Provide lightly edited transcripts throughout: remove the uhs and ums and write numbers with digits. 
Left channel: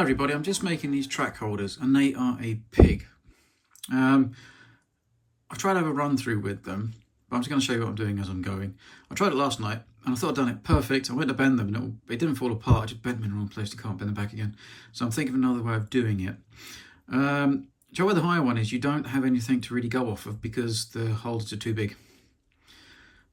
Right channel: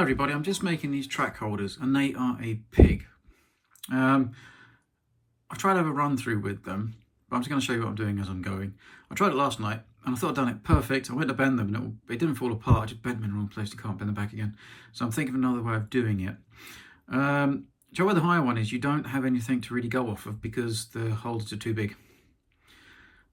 Hi everybody, I'm just making these track holders and they are a pig. I've tried to have a run through with them, but I'm just going to show you what I'm doing as I'm going. I tried it last night and I thought I'd done it perfect. I went to bend them and it didn't fall apart, I just bent them in the wrong place. You can't bend them back again. So I'm thinking of another way of doing it. So where the Haya one is, you don't have anything to really go off of because the holders are too big.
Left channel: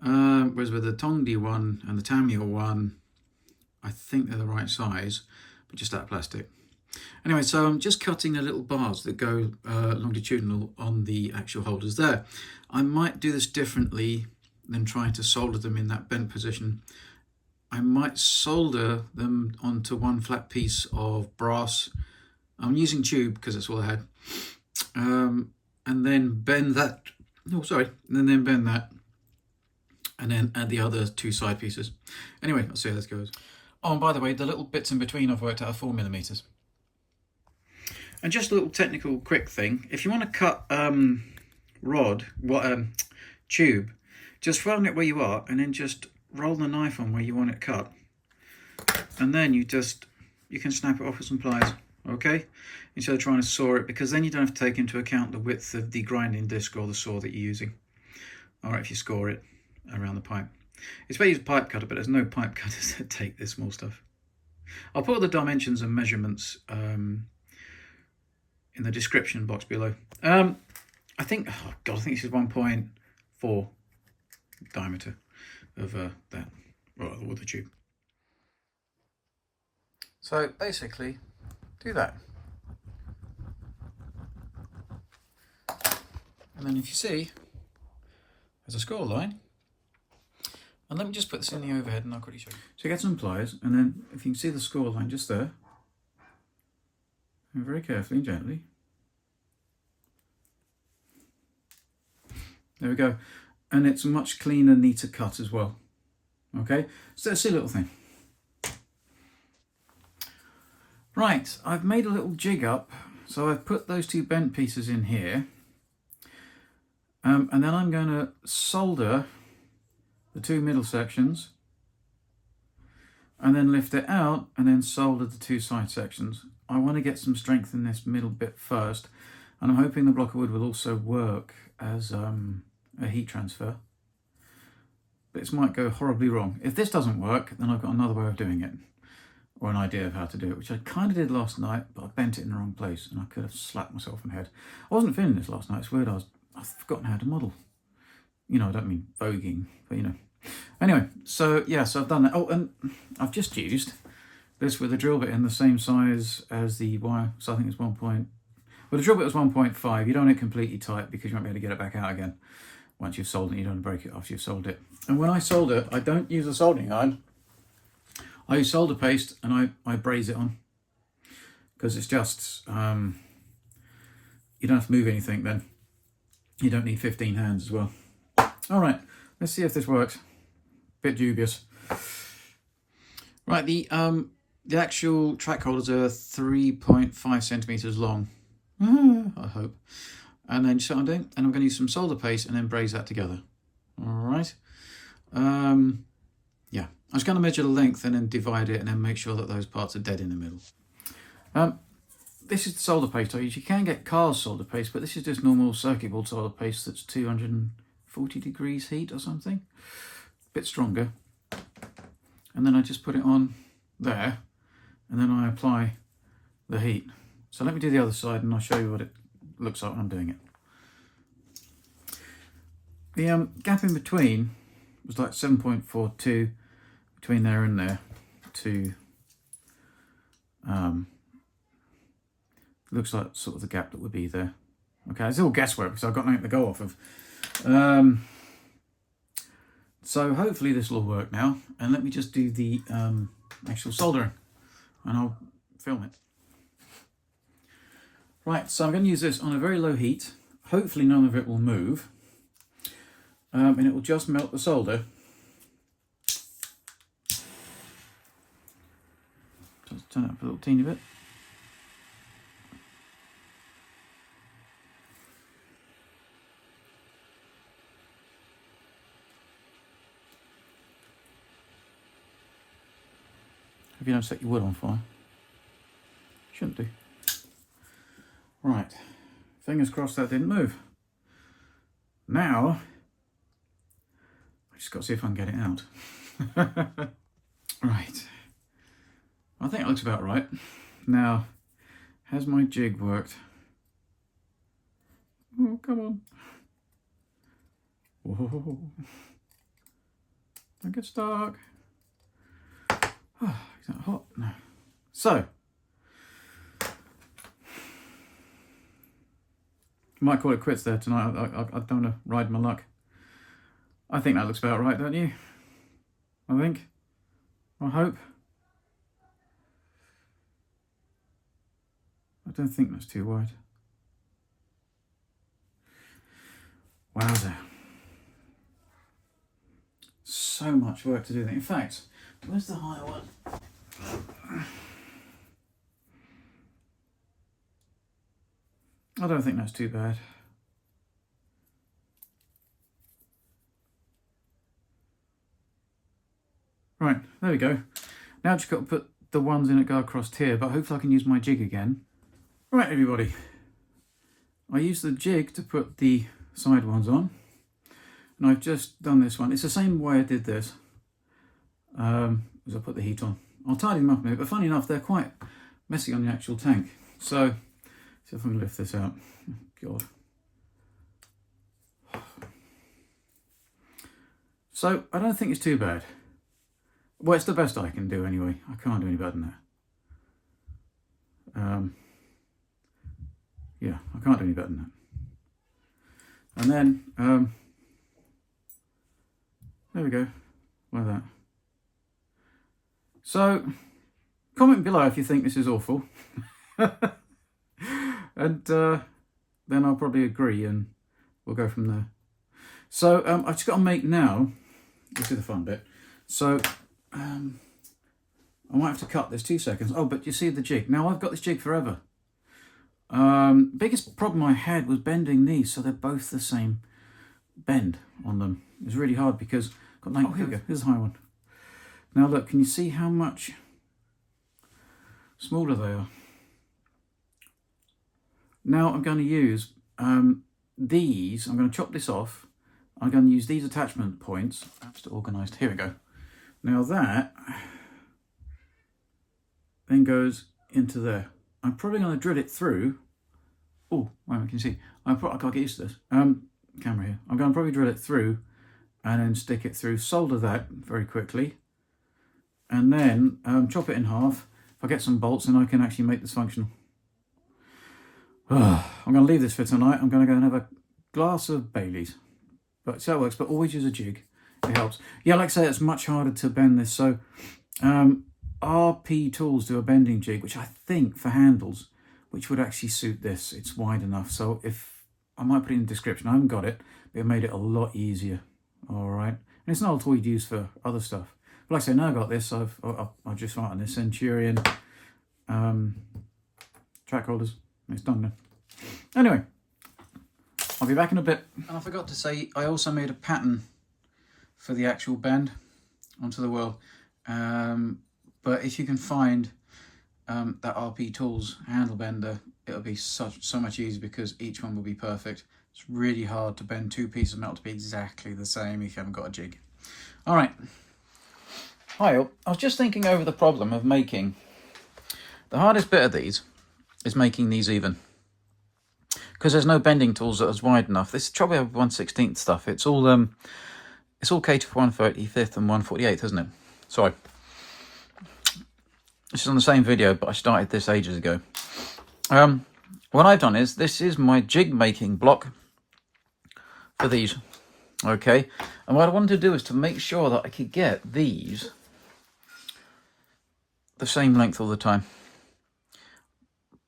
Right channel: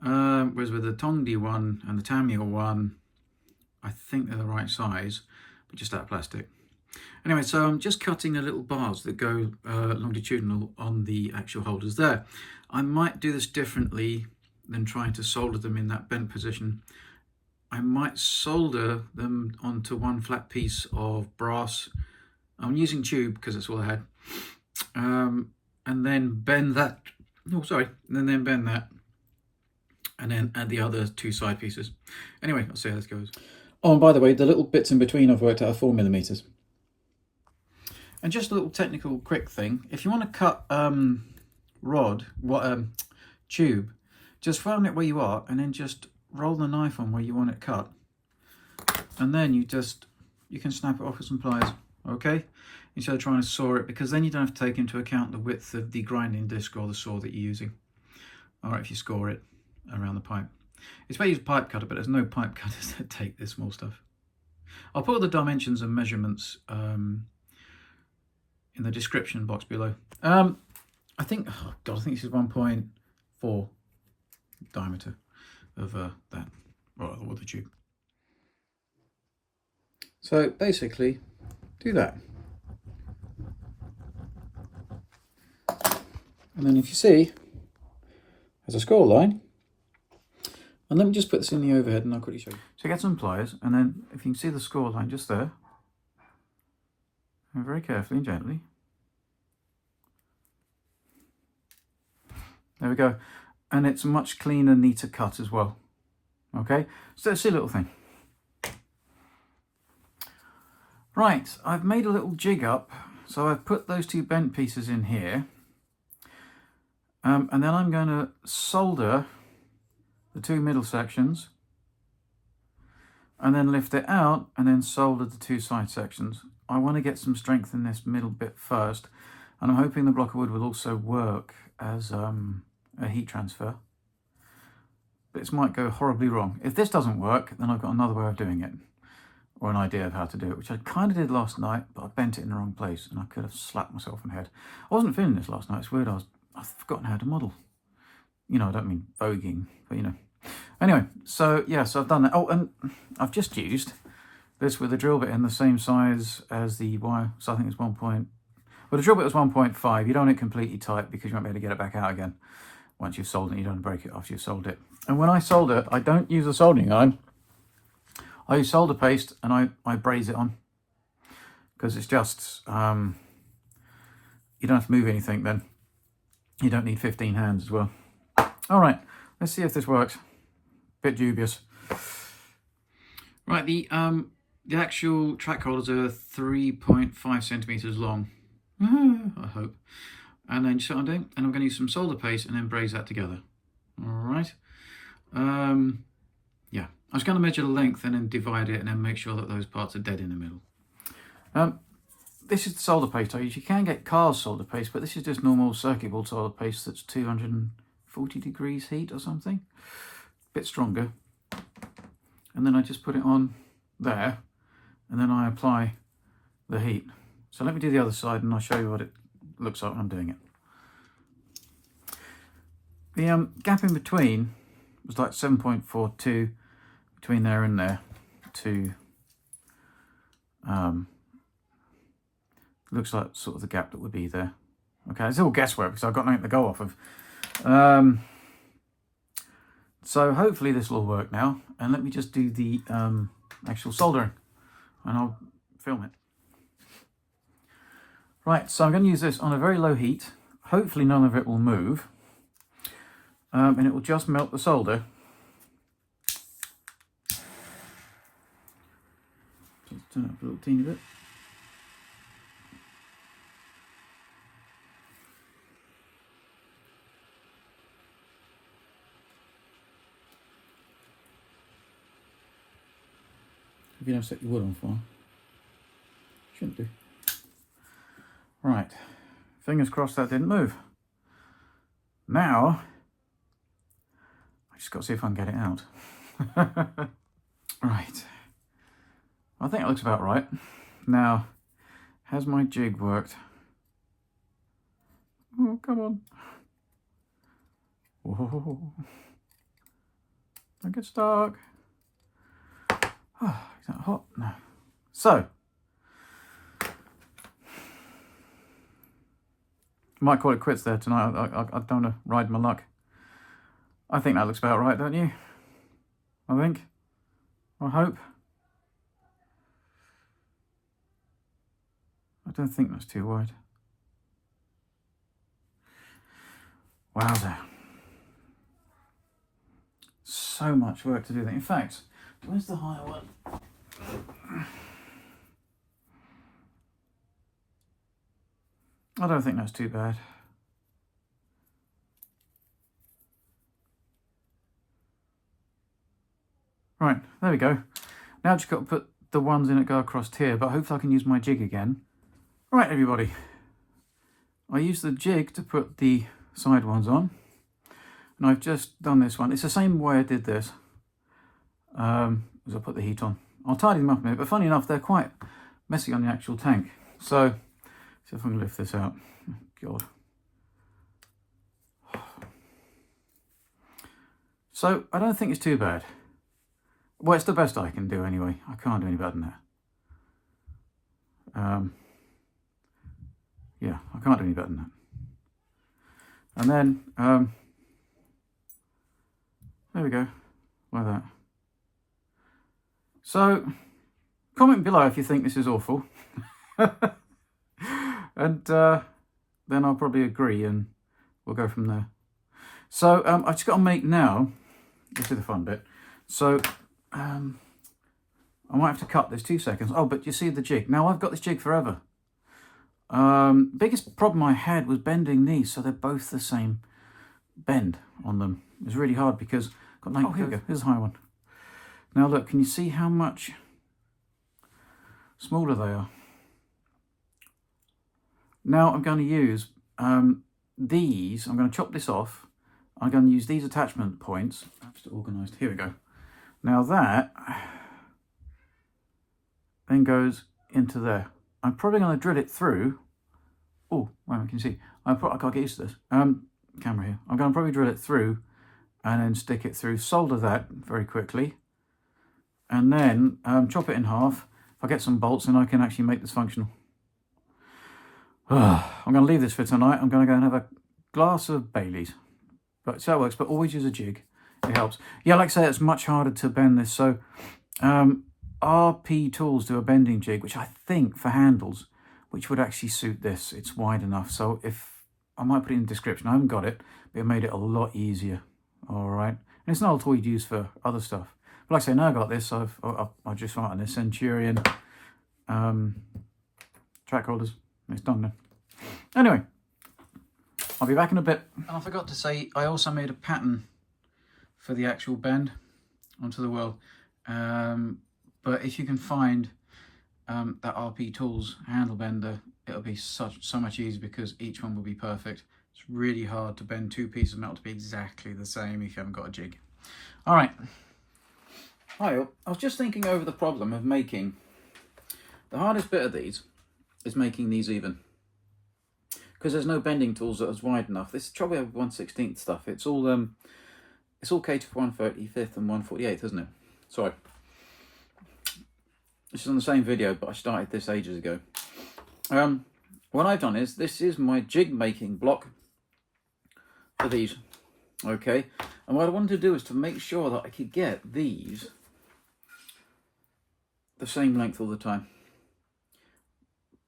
Whereas with the Tongdi one and the TAMIYA one, I think they're the right size, but just out of plastic. Anyway, so I'm just cutting the little bars that go longitudinal on the actual holders there. I might do this differently than trying to solder them in that bent position. I might solder them onto one flat piece of brass. I'm using tube because that's all I had. And then bend that, and then bend that. And then add the other two side pieces. Anyway, I'll see how this goes. Oh, and by the way, the little bits in between I've worked out are 4mm. And just a little technical quick thing. If you want to cut tube, just find it where you are and then just roll the knife on where you want it cut. And then you can snap it off with some pliers, okay? Instead of trying to saw it, because then you don't have to take into account the width of the grinding disc or the saw that you're using. All right, if you score it around the pipe. It's better to use a pipe cutter, but there's no pipe cutters that take this small stuff. I'll put all the dimensions and measurements in the description box below. I think, oh God, I think this is 1.4 diameter of that, or the tube. So basically, do that. And then if you see, there's a score line. And let me just put this in the overhead and I'll quickly show you. So get some pliers, and then if you can see the score line just there, and very carefully and gently. There we go. And it's a much cleaner, neater cut as well. Okay, so that's a little thing. Right, I've made a little jig up. So I've put those two bent pieces in here. And then I'm going to solder the two middle sections and then lift it out and then solder the two side sections. I want to get some strength in this middle bit first, and I'm hoping the block of wood will also work as a heat transfer. But this might go horribly wrong. If this doesn't work, then I've got another way of doing it, or an idea of how to do it, which I kind of did last night, but I bent it in the wrong place and I could have slapped myself in the head. I wasn't feeling this last night. It's weird. I've forgotten how to model. You know, I don't mean voguing, but you know. Anyway, so yeah, so I've done that. Oh, and I've just used this with a drill bit in the same size as the wire. So I think it's 1. Well, the drill bit was 1.5. You don't want it completely tight because you won't be able to get it back out again once you've soldered it. You don't want to break it after you've soldered it. And when I solder, I don't use a soldering iron. I use solder paste and I braze it on, because it's just, you don't have to move anything then. You don't need 15 hands as well. All right, let's see if this works. Bit dubious. Right, the actual track holders are 3.5 centimeters long. I hope. And then you see what I'm doing? And I'm going to use some solder paste and then braze that together. All right. Yeah, I was going to measure the length and then divide it and then make sure that those parts are dead in the middle. This is the solder paste I use. You can get Carr's solder paste, but this is just normal circuit board solder paste that's 240 degrees heat or something. A bit stronger. And then I just put it on there, and then I apply the heat. So let me do the other side and I'll show you what it looks like when I'm doing it. The gap in between was like 7.42 between there and there to looks like sort of the gap that would be there. Okay, it's all guesswork because I've got nothing to go off of. So hopefully this will all work now, and let me just do the actual soldering and I'll film it. Right, so I'm going to use this on a very low heat. Hopefully none of it will move, and it will just melt the solder. Just turn it up a little teeny bit. If you don't set your wood on fire. Shouldn't do. Right. Fingers crossed that didn't move. Now, I just got to see if I can get it out. Right. I think it looks about right. Now, has my jig worked? Oh, come on. Whoa. Don't get stuck. Oh, is that hot? No. So, might call it quits there tonight. I don't want to ride my luck. I think that looks about right, don't you? I think. I hope. I don't think that's too wide. Wowzer. So much work to do that. In fact, where's the higher one? I don't think that's too bad. Right, there we go. Now I've just got to put the ones in that go across here, but hopefully I can use my jig again. Right, everybody. I used the jig to put the side ones on, and I've just done this one. It's the same way I did this as I put the heat on. I'll tidy them up a minute, but funny enough, they're quite messy on the actual tank. So, see if I can lift this out. Oh, God. So, I don't think it's too bad. Well, it's the best I can do anyway. I can't do any better than that. Yeah, I can't do any better than that. And then, there we go, like that. So, comment below if you think this is awful. And then I'll probably agree and we'll go from there. So, I've just got to make now, this is the fun bit. So, I might have to cut this 2 seconds. Oh, but you see the jig. Now, I've got this jig forever. Biggest problem I had was bending these, so they're both the same bend on them. It's really hard because I've got oh, here we go. Here's a high one. Now look, can you see how much smaller they are? Now I'm going to use these. I'm going to chop this off. I'm going to use these attachment points. Just organised. Here we go. Now that then goes into there. I'm probably going to drill it through. Oh, wait a minute, can you see? I can't get used to this. Camera here. I'm going to probably drill it through and then stick it through, solder that very quickly, and then chop it in half. If I get some bolts, then I can actually make this functional. I'm going to leave this for tonight. I'm going to go and have a glass of Bailey's. But so it works, but always use a jig. It helps. Yeah, like I say, it's much harder to bend this. So RP Tools do a bending jig, which I think for handles, which would actually suit this. It's wide enough. So if I might put it in the description. I haven't got it, but it made it a lot easier. All right. And it's not a tool you'd use for other stuff. But like I say, now I got this. I'll just write on this Centurion track holders. It's done now. Anyway, I'll be back in a bit. And I forgot to say, I also made a pattern for the actual bend onto the wheel. But if you can find that RP Tools handle bender, it'll be so much easier because each one will be perfect. It's really hard to bend two pieces of metal to be exactly the same if you haven't got a jig. All right. Hi, I was just thinking over the problem of making, the hardest bit of these is making these even. Because there's no bending tools that is wide enough. This is probably 1/16 stuff. It's all catered for 1/35 and 1/48, isn't it? Sorry. This is on the same video, but I started this ages ago. What I've done is, this is my jig making block for these. Okay. And what I wanted to do is to make sure that I could get these the same length all the time.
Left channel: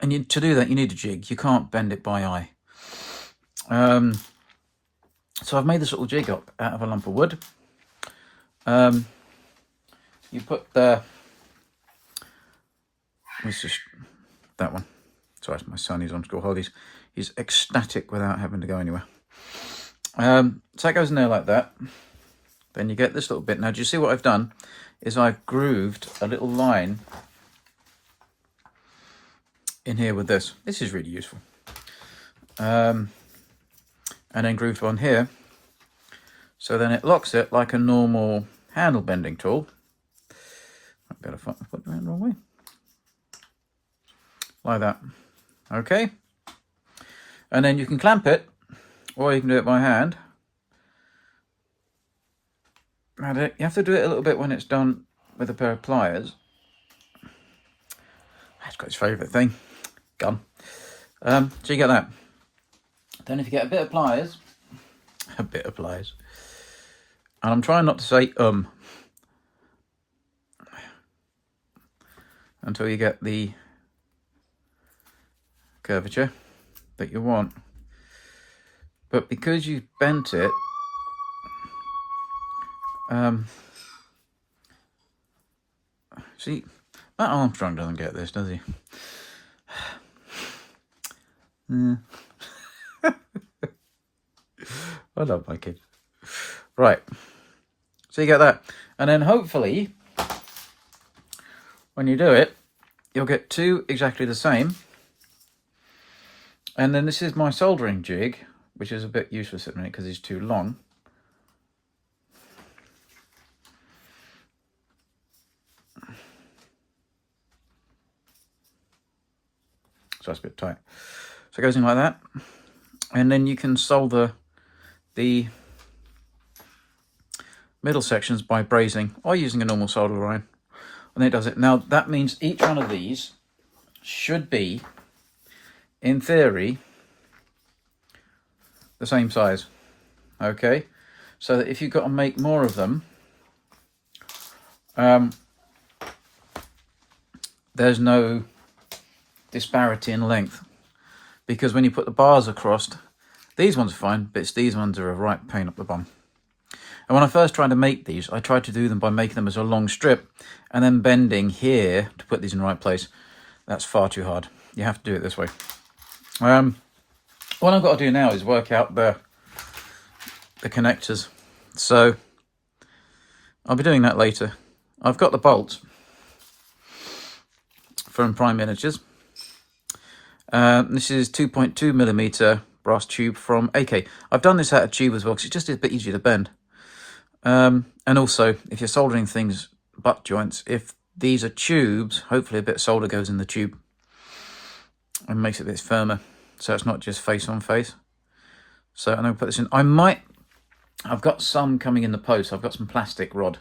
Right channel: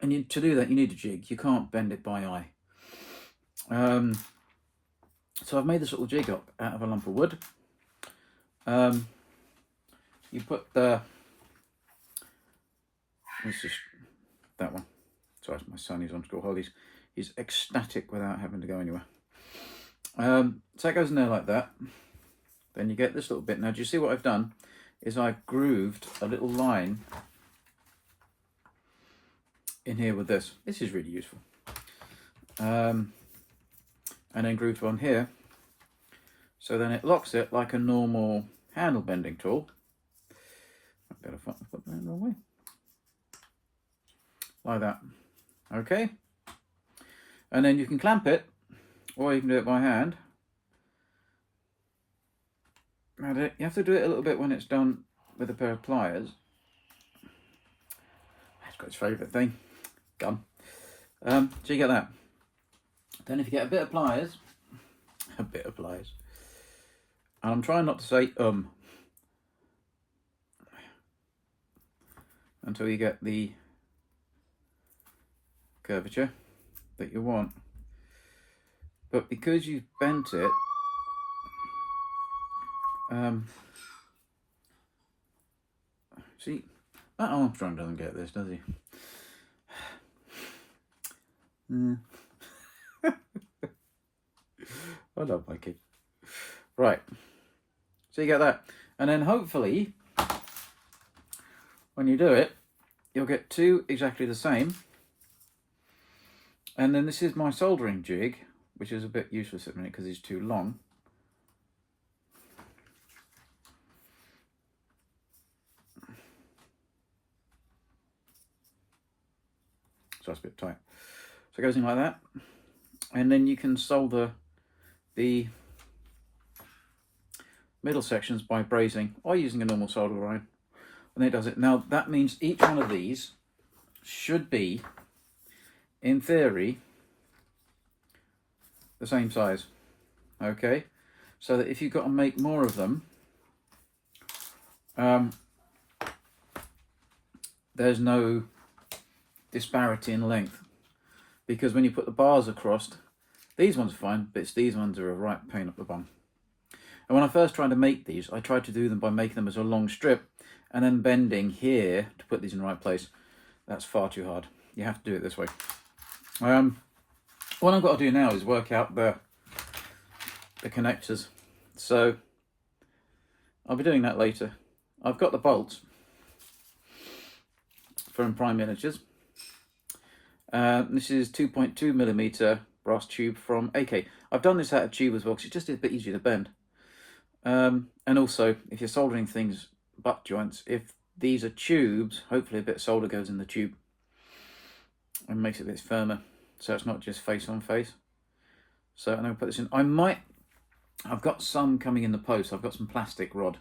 And to do that, you need a jig. You can't bend it by eye. So I've made this little jig up out of a lump of wood. You put the... Let's just... That one. Sorry, my son, he's on school holidays. He's ecstatic without having to go anywhere. So that goes in there like that. Then you get this little bit. Now, do you see what I've done? Is I've grooved a little line in here with this. This is really useful. And then grooved one here. So then it locks it like a normal handle bending tool. I better put it the wrong way. Like that. Okay. And then you can clamp it, or you can do it by hand. And you have to do it a little bit when it's done with a pair of pliers. That's got his favourite thing, gun. So you get that. Then if you get a bit of pliers, and I'm trying not to say until you get the curvature that you want. But because you've bent it, see, that Armstrong doesn't get this, does he? I love my kids. Right, so you get that, and then hopefully when you do it, you'll get two exactly the same. And then this is my soldering jig, which is a bit useless at the minute because it's too long. So that's a bit tight. So it goes in like that. And then you can solder the middle sections by brazing or using a normal solder iron. And it does it. Now that means each one of these should be, in theory, the same size. Okay, so that if you've got to make more of them, there's no disparity in length, because when you put the bars across, these ones are fine, but it's these ones are a right pain up the bum. And when I first tried to make these, I tried to do them by making them as a long strip and then bending here to put these in the right place. That's far too hard. You have to do it this way. What I've got to do now is work out the connectors. So I'll be doing that later. I've got the bolts from Prime Miniatures. This is 2.2mm brass tube from AK. I've done this out of tube as well because it's just a bit easier to bend. And also, if you're soldering things, butt joints, if these are tubes, hopefully a bit of solder goes in the tube and makes it a bit firmer, so it's not just face on face. So I'm going to put this in. I've got some coming in the post. I've got some plastic rod.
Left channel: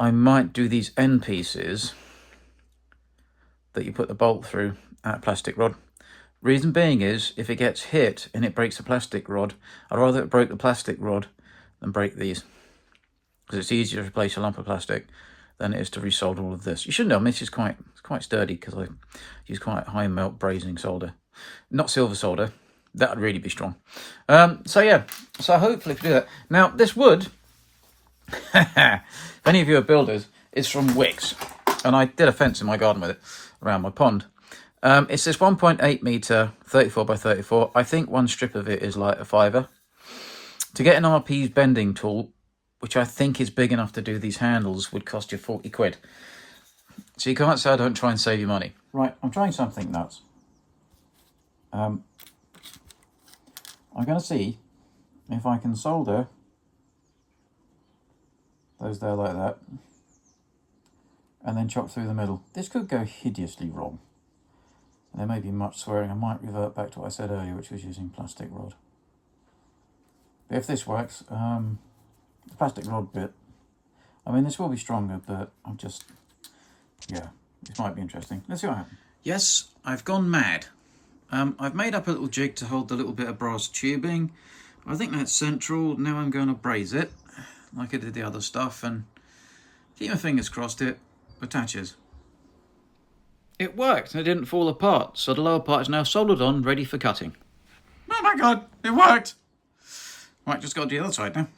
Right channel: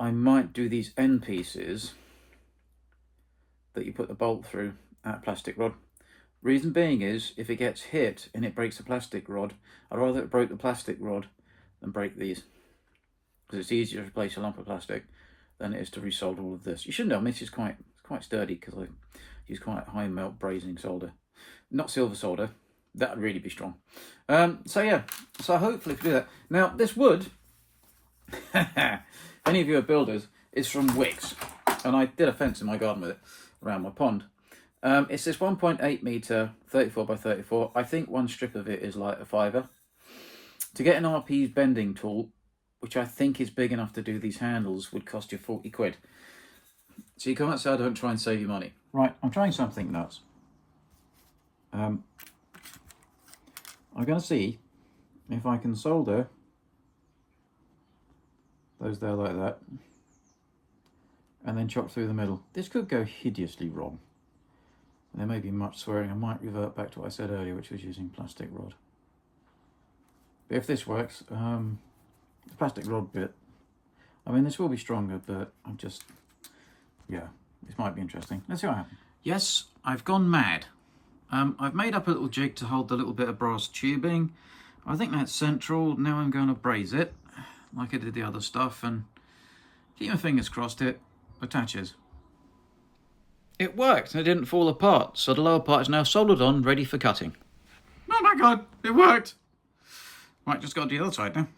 I might do these end pieces that you put the bolt through at plastic rod. Reason being is, if it gets hit and it breaks the plastic rod, I'd rather it break the plastic rod than break these, because it's easier to replace a lump of plastic than it is to resolder all of this. You should know, this is quite sturdy because I use quite high melt brazing solder, not silver solder. That would really be strong. So yeah, so hopefully if you do that. Now this wood, if any of you are builders, is from Wicks, and I did a fence in my garden with it around my pond. It's this 1.8 meter 34 by 34. I think one strip of it is like a £5. To get an RP's bending tool, which I think is big enough to do these handles, would cost you 40 quid. So you can't say I don't try and save you money. Right, I'm trying something nuts. I'm going to see if I can solder those there like that, and then chop through the middle. This could go hideously wrong. And there may be much swearing. I might revert back to what I said earlier, which was using plastic rod. But if this works, the plastic rod bit, I mean, this will be stronger, but I'm just, yeah, this might be interesting. Let's see what happens. Yes, I've gone mad. I've made up a little jig to hold the little bit of brass tubing. I think that's central. Now I'm going to braze it, like I did the other stuff, and keep my fingers crossed it attaches. It worked, and it didn't fall apart, so the lower part is now soldered on, ready for cutting. Oh my god, it worked! Right, just got to do the other side now.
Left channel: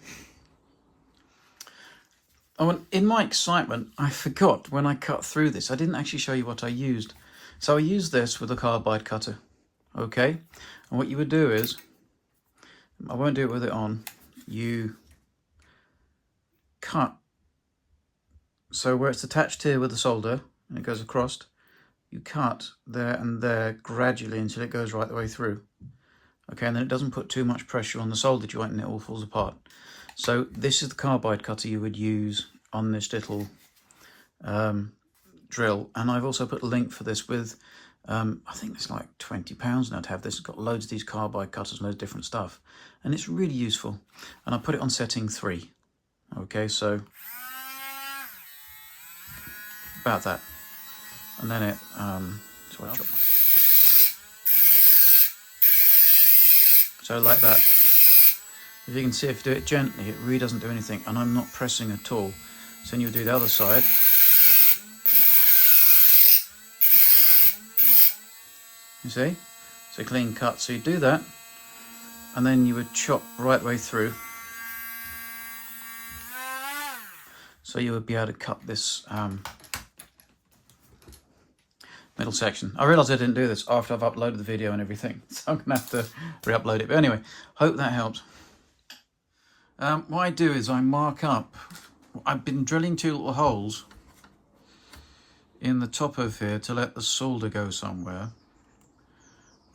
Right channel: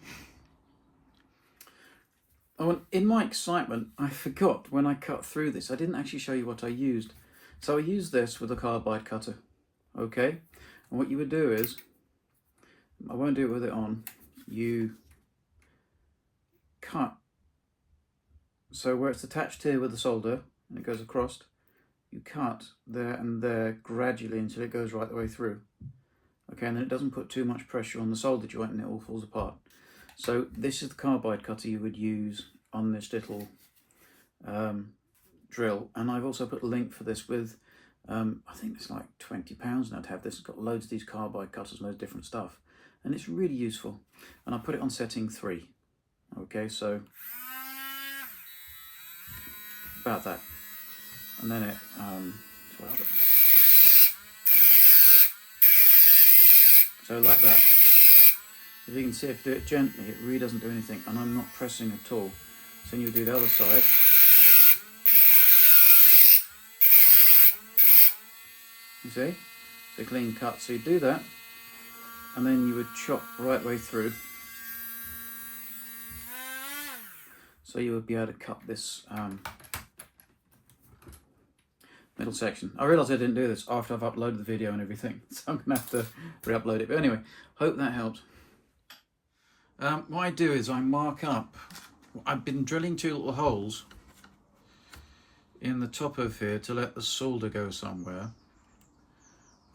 Oh, and in my excitement, I forgot when I cut through this, I didn't actually show you what I used. So I used this with a carbide cutter, okay? And what you would do is, I won't do it with it on, you cut. So where it's attached here with the solder, and it goes across, you cut there and there gradually until it goes right the way through. Okay, and then it doesn't put too much pressure on the solder joint and it all falls apart. So this is the carbide cutter you would use on this little drill. And I've also put a link for this with, I think it's like £20 now to have this. It's got loads of these carbide cutters and loads of different stuff. And it's really useful. And I put it on setting 3. Okay, so about that. And then it, so like that. If you can see, if you do it gently, it really doesn't do anything, and I'm not pressing at all. So then you'll do the other side. You see? It's a clean cut. So you do that, and then you would chop right the way through. So you would be able to cut this middle section. I realised I didn't do this after I've uploaded the video and everything, so I'm going to have to re-upload it. But anyway, hope that helps. What I do is I mark up, I've been drilling 2 little holes in the top of here to let the solder go somewhere,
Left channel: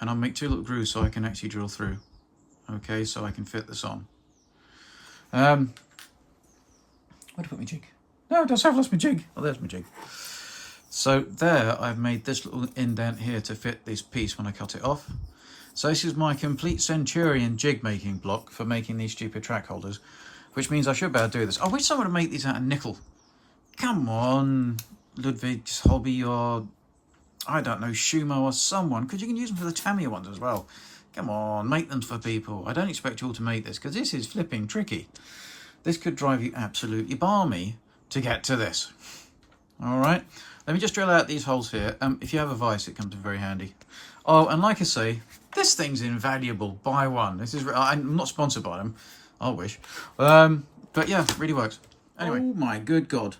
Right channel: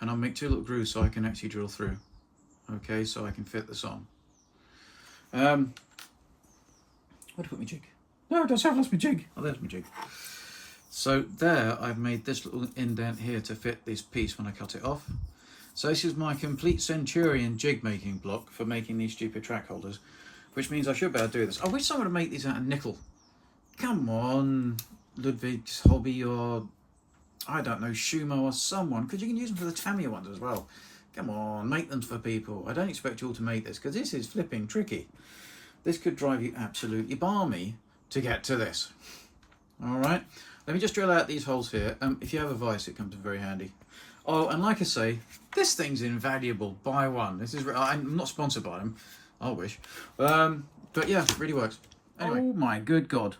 and I'll make 2 little grooves so I can actually drill through. Okay, so I can fit this on. Where did I put my jig? No, I've lost my jig. Oh, there's my jig. So there, I've made this little indent here to fit this piece when I cut it off. So this is my complete Centurion jig making block for making these stupid track holders, which means I should be able to do this. I wish someone would make these out of nickel. Come on, Ludwig's Hobby, or I don't know, Shumo or someone, because you can use them for the TAMIYA ones as well. Come on, make them for people. I don't expect you all to make this, because this is flipping tricky. This could drive you absolutely balmy to get to this. All right, let me just drill out these holes here. If you have a vise, it comes in very handy. Oh, and like I say, this thing's invaluable. Buy one. This is, I'm not sponsored by them. I wish. But yeah, it really works. Anyway. Oh my good God.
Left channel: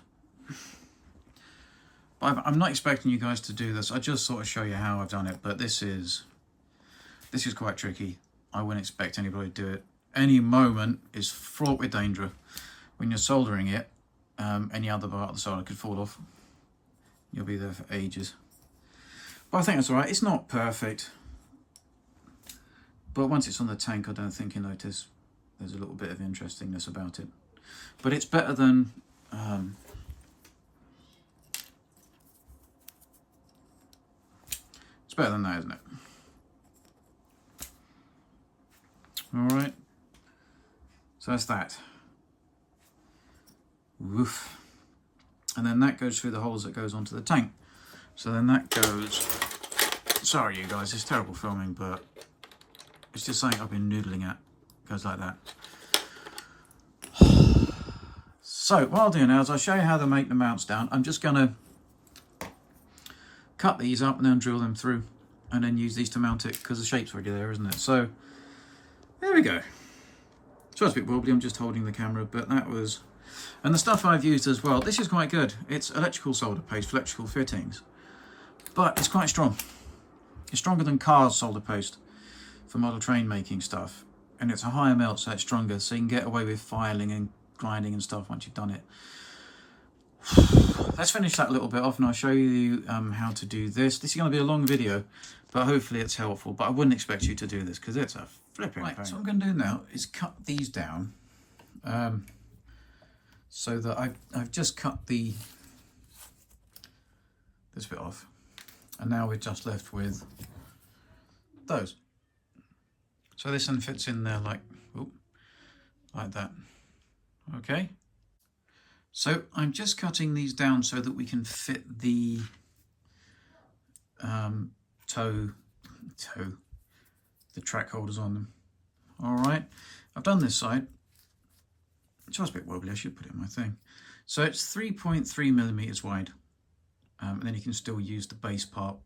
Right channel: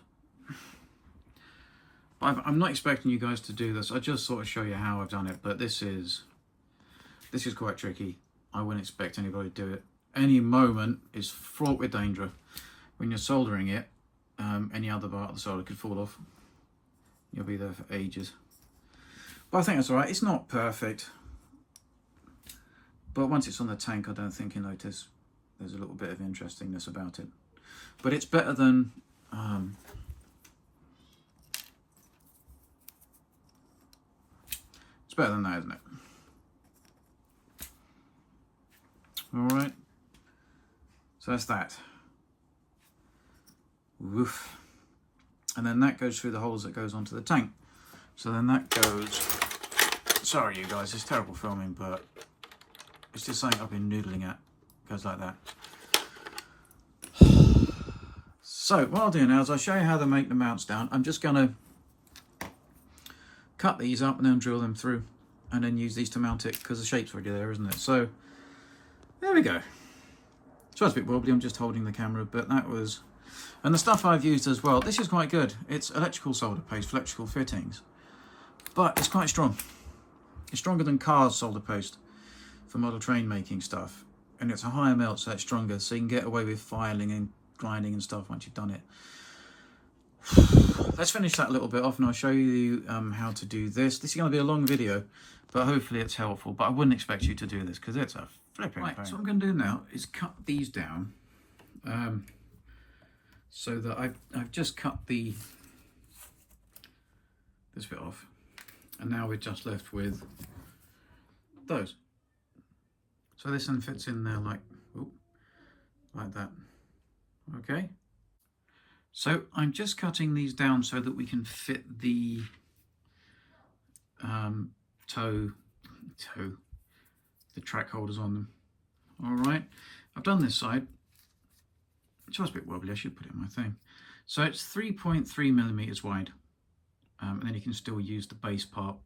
I'm not expecting you guys to do this. I just sort of show you how I've done it. But this is quite tricky. I wouldn't expect anybody to do it. Any moment is fraught with danger. When you're soldering it, any other part of the solder could fall off. You'll be there for ages. But I think that's all right. It's not perfect. But once it's on the tank, I don't think you notice there's a little bit of interestingness about it. But it's better than... it's better than that, isn't it? All right. So that's that. Woof. And then that goes through the holes that goes onto the tank. So then that goes... Sorry, you guys, it's terrible filming, but it's just something I've been noodling at. It goes like that. So what I'll do now is I'll show you how to make the mounts down. I'm just going to cut these up and then drill them through, and then use these to mount it, because the shape's already there, isn't it? So there we go. So it's a bit wobbly, I'm just holding the camera, but that was... And the stuff I've used as well, this is quite good. It's electrical solder paste for electrical fittings, but it's quite strong. It's stronger than Car's solder paste for model train making stuff, and it's a higher melt, so it's stronger, so you can get away with filing and grinding and stuff once you've done it. Let's finish that a little bit off, and I'll show you how to do this. This is going to be a long video, but hopefully it's helpful. But I wouldn't expect you to do this, because it's a flipping pain. So what I'm going to do now is cut these down, so that I've just cut this bit off, and now we're just left with those. So this one fits in there like that. Okay. So I'm just cutting these down so that we can fit the the track holders on them. All right. I've done this side. It's just a bit wobbly. I should put it in my thing. So it's 3.3 millimeters wide, and then you can still use the base part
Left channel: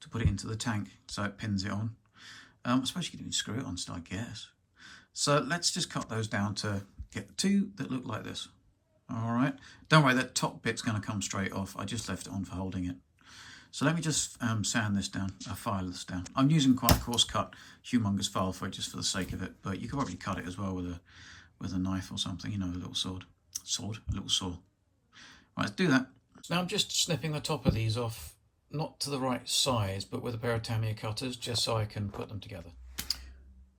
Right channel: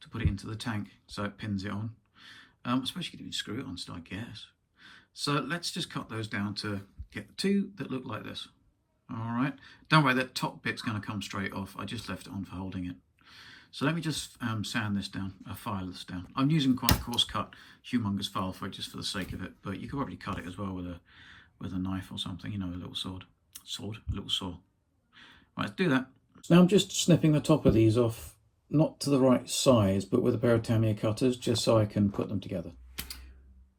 to put it into the tank, so it pins it on. I suppose you could even screw it on still, I guess. So let's just cut those down to get the 2 that look like this. All right. Don't worry, that top bit's going to come straight off. I just left it on for holding it. So let me just sand this down, file this down. I'm using quite a coarse cut, humongous file for it, just for the sake of it. But you could probably cut it as well with a knife or something, you know, a little a little saw. Right, let's do that. So now I'm just snipping the top of these off not to the right size, but with a pair of Tamiya cutters, just so I can put them together.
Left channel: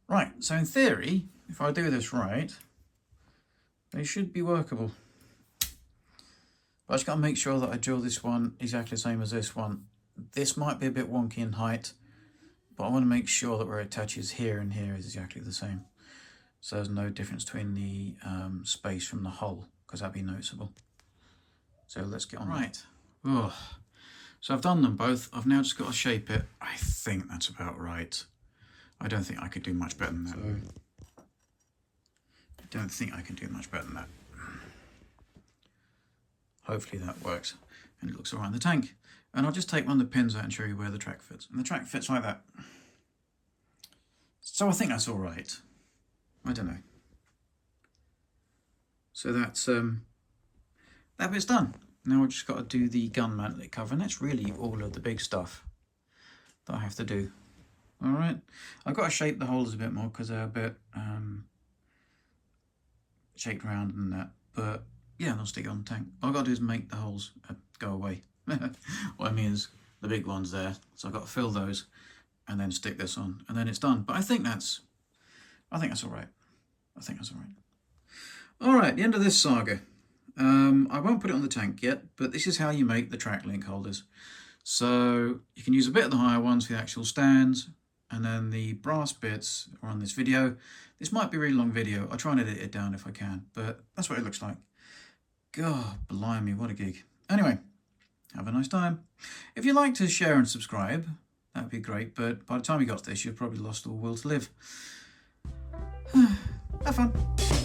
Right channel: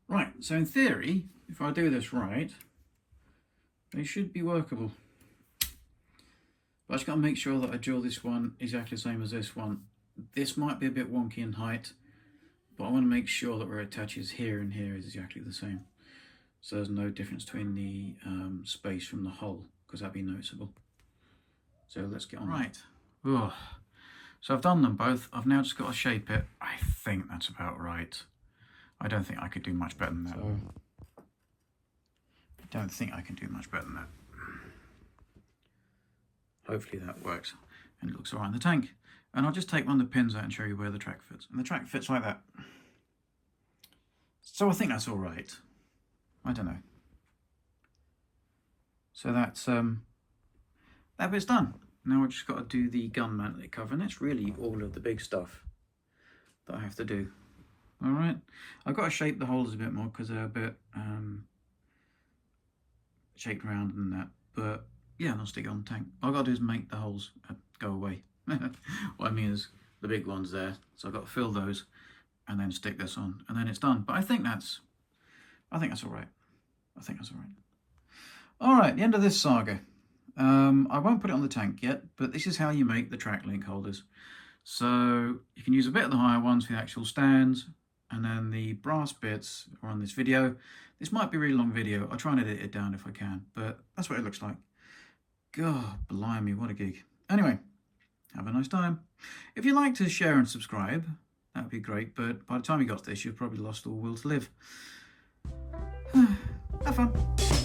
Right, so in theory, if I do this right, they should be workable. But I just got to make sure that I drill this one exactly the same as this one. This might be a bit wonky in height, but I want to make sure that where it attaches here and here is exactly the same. So there's no difference between the space from the hole, because that'd be noticeable. So let's get on. Right. Ugh. So I've done them both. I've now just got to shape it. I think that's about right. I don't think I could do much better than that. I don't think I can do much better than that. Hopefully that works. And it looks all right in the tank. And I'll just take one of the pins out and show you where the track fits. And the track fits like that. So I think that's all right. I don't know. So that's that bit's done. Now I've just got to do the gun mount cover, and that's really all of the big stuff that I have to do. All right, I've got to shape the holes a bit more because they're a bit shaped around and that. But yeah, I'll stick it on the tank. All I've got to do is make the holes go away. What I mean is the big ones there. So I've got to fill those and then stick this on, and then it's done. But I think that's all right. I think that's all right. All right, the end of this saga. I won't put it on the tank yet, but this is how you make the track link holders. So you can use a bit of the higher ones for the actual stands, and then the brass bits are on this video. This might be a really long video. I'll try and edit it down if I can, but that's what it looks like. God, blimey, what a gig. Anyway, have a nice time. If you'd like to share and subscribe, that would be great, but by the time you got to this, you've probably lost all will to live. Have fun.